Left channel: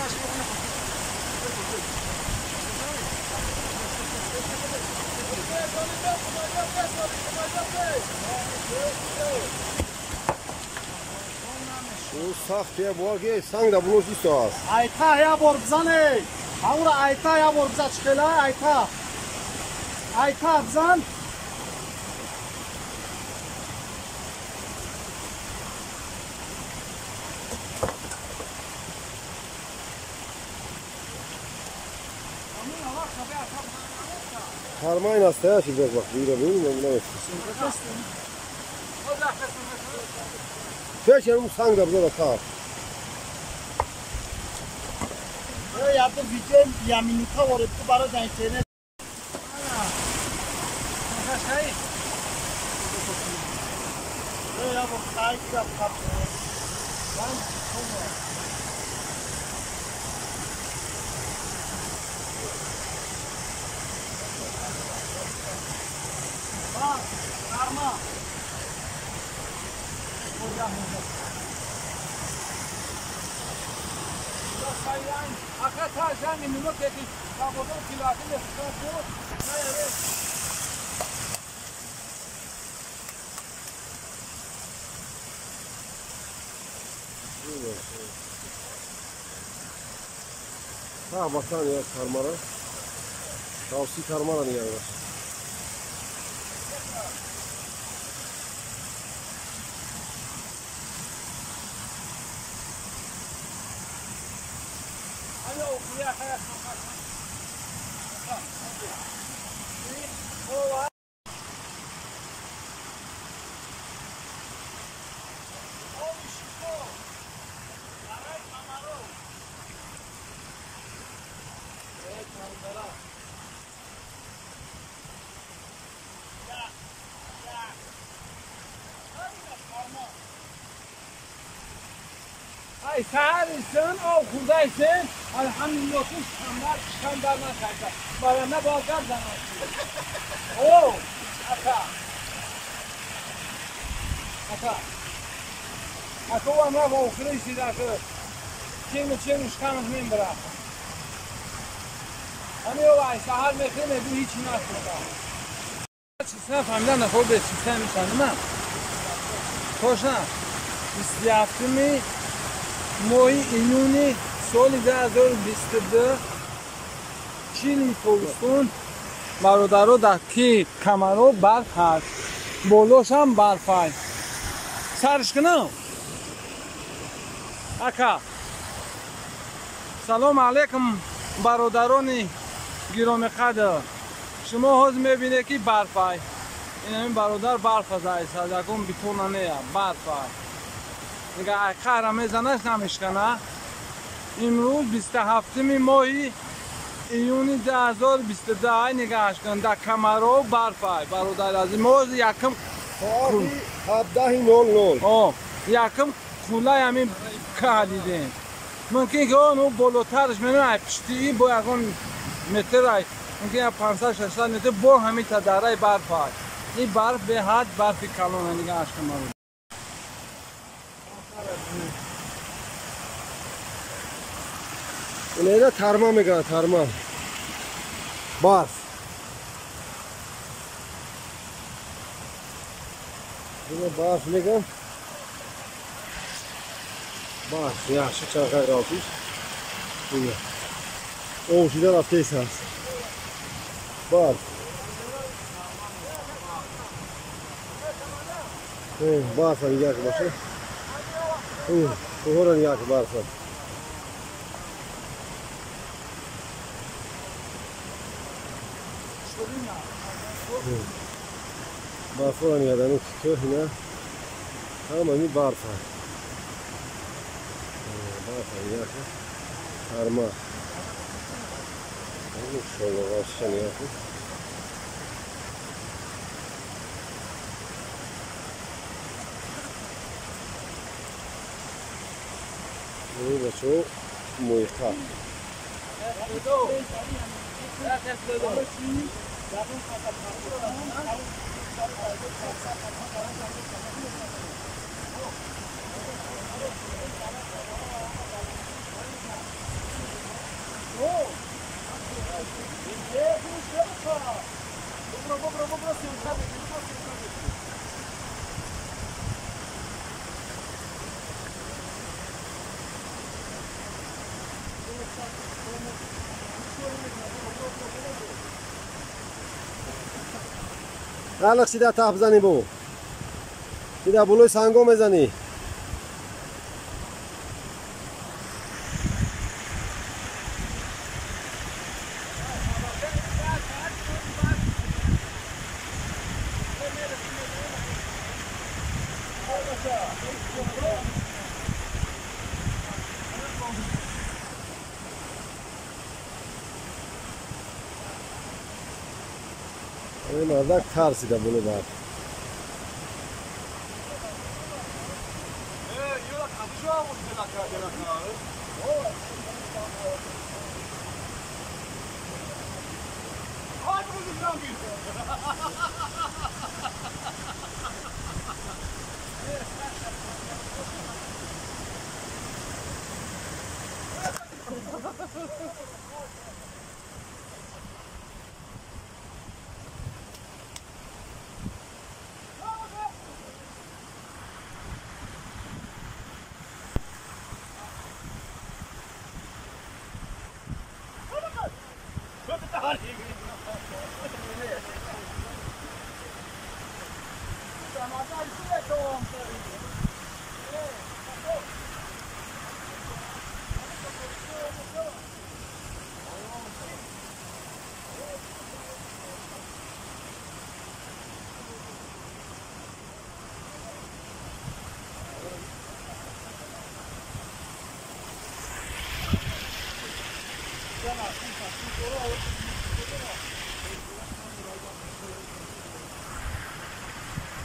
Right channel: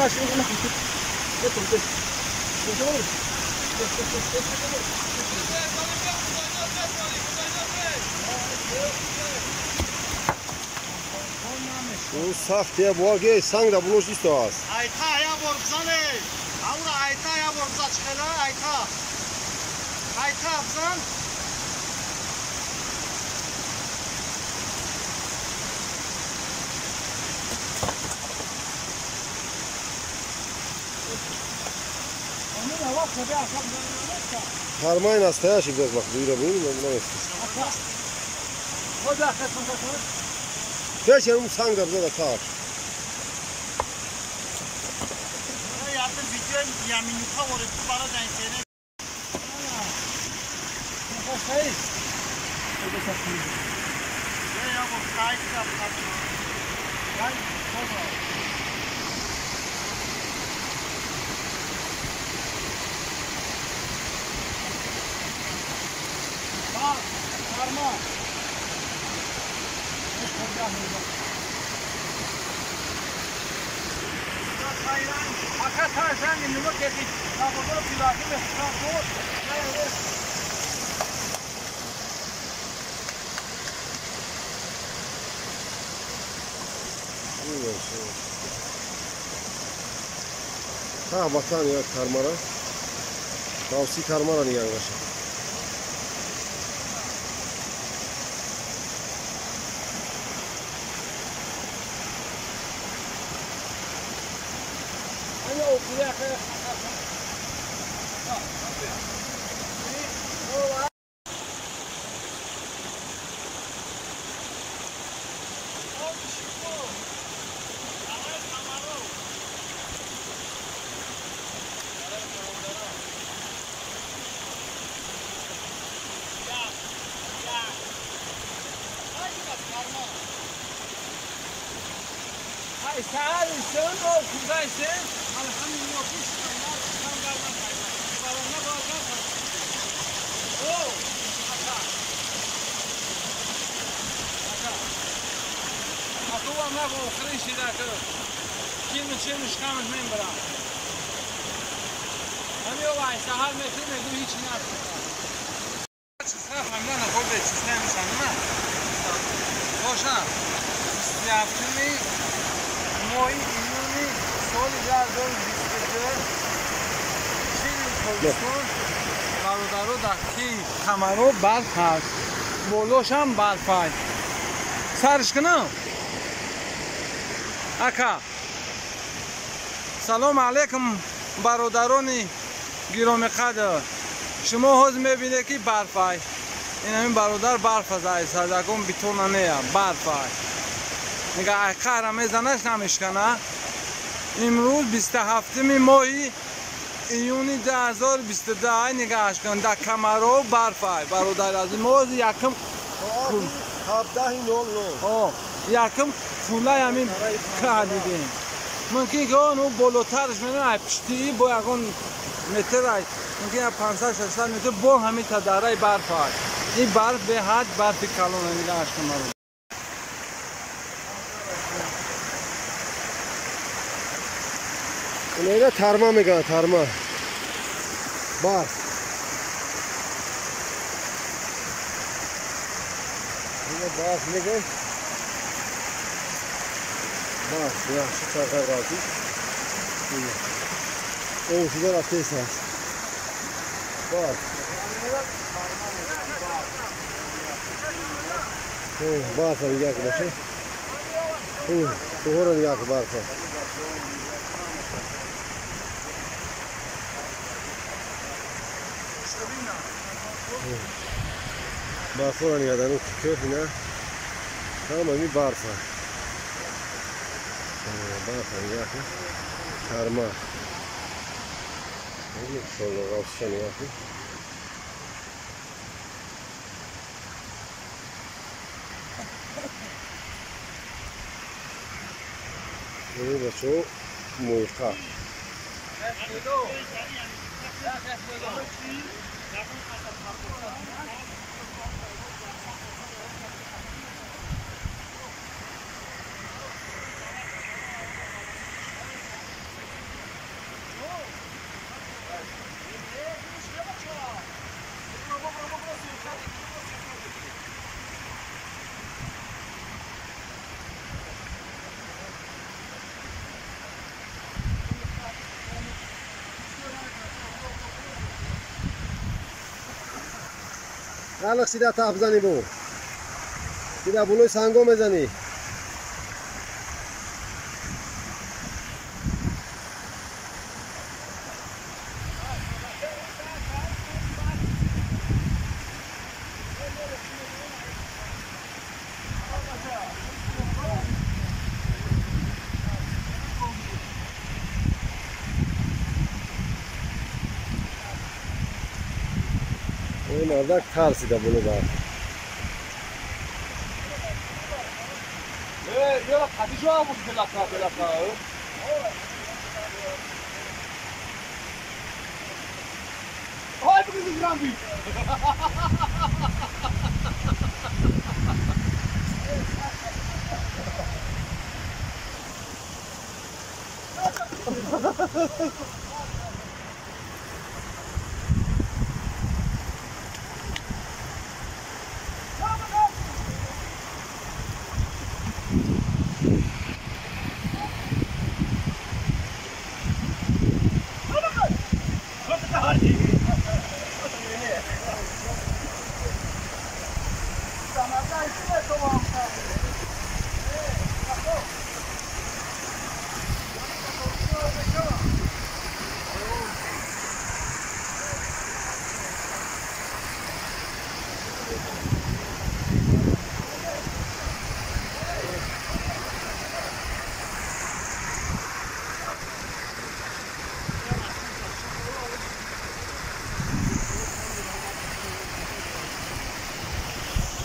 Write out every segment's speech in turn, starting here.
او سختیه بارگه سنگ دا بلوش دیستو هست ایتا یا بار بزنه اورا ایتا یا بار بزن چخلا ایتا بزن Karma nastoящий biraz bak duyuramıyorum ben buna Geçelim sang da burada da tar. Yaptım video yaminuka var bu bara zaten. Nasıl şey? Ya bu kayıt yap. Ben sonra bak, karma. Akar sen numara getir. Kapıları pilakı ve kapı. Evet. Ha batan ya karmara. Tavsi karmara ni yaklaşık. Hani okuya kaya. Ay sağırısın, o kudaysın. Elhamdülillah ki sen barma kaldı. Bana ne bakar bana. Oo, aka. Aka ama bu krişi de atı. Kim için işkamız membra. Hani o ay sağır mekreme du hiç ne yaptı. Çizme famdan ne be sistem sanma. Koşa. İstiyaftimi Mohi İyuni سال 2022 چین کوهستون برادرو در تی کمرو برف هست بولوش هم برف هست سرش کنم اکا سلام علیکم برادران گرامی قدر شما حوض میبینه که برف هست این همین برادر برف هست سردکون بیتونه نیه برف هست نگه اکا را میزنش نمیشکنه امروز 27 ماه ایونی 2022 نگاهش کن در کمرو برف های برادر از موز یکم کن 17:00 یکم کوله همین که دیدیم ممکن که اون بالاترش منو پشتی با یکون متر های ممکن 500-600 متر با همین تداره برف های این برف به حد برف کلون نگاهش کن Neyde tarma mı kan tarma? Barf. Yine barf ne kan? Barf ya şu çarkar kaldı. Yine. O şeyler ateş has. Barf. Barf hani yak başı. Soğuran yak barf. برف رو نیادن اون تیکه اینا تمامی برف ها برف ها که کرما این شلو غوشن یا که این بچه مویقه الان سیده تاپ زنی بو سیده بلوی سنگو میزنی این مردک ترسیده بلو بر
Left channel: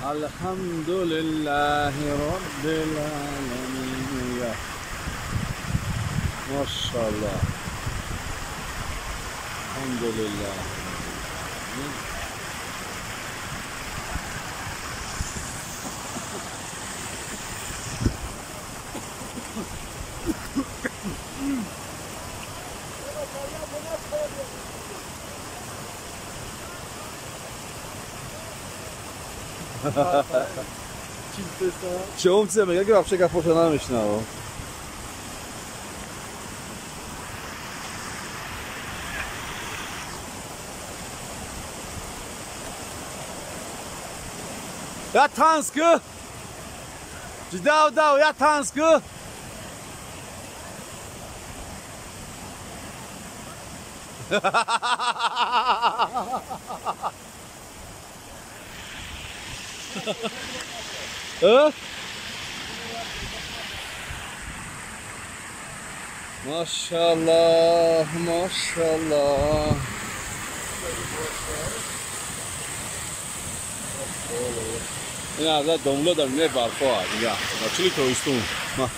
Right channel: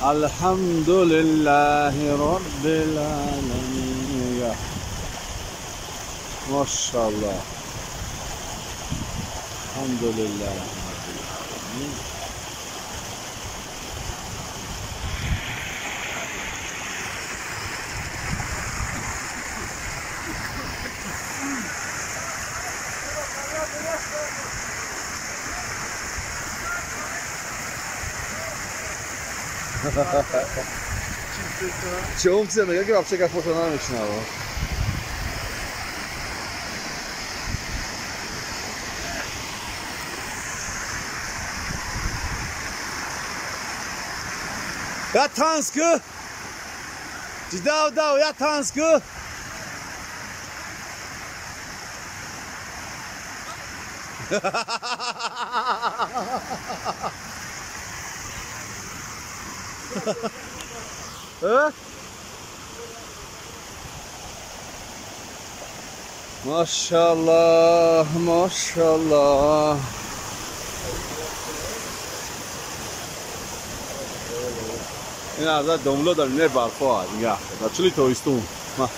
الحمد لله رب العالمين ما شاء الله الحمد لله رب العالمين چه اومده میگه که بچه که فوتو نمیشنوه یا تانسکو جداو یا تانسکو Maşallah, maşallah. این از داملو داریم نه برفا دیگه. چلی تویستون. ما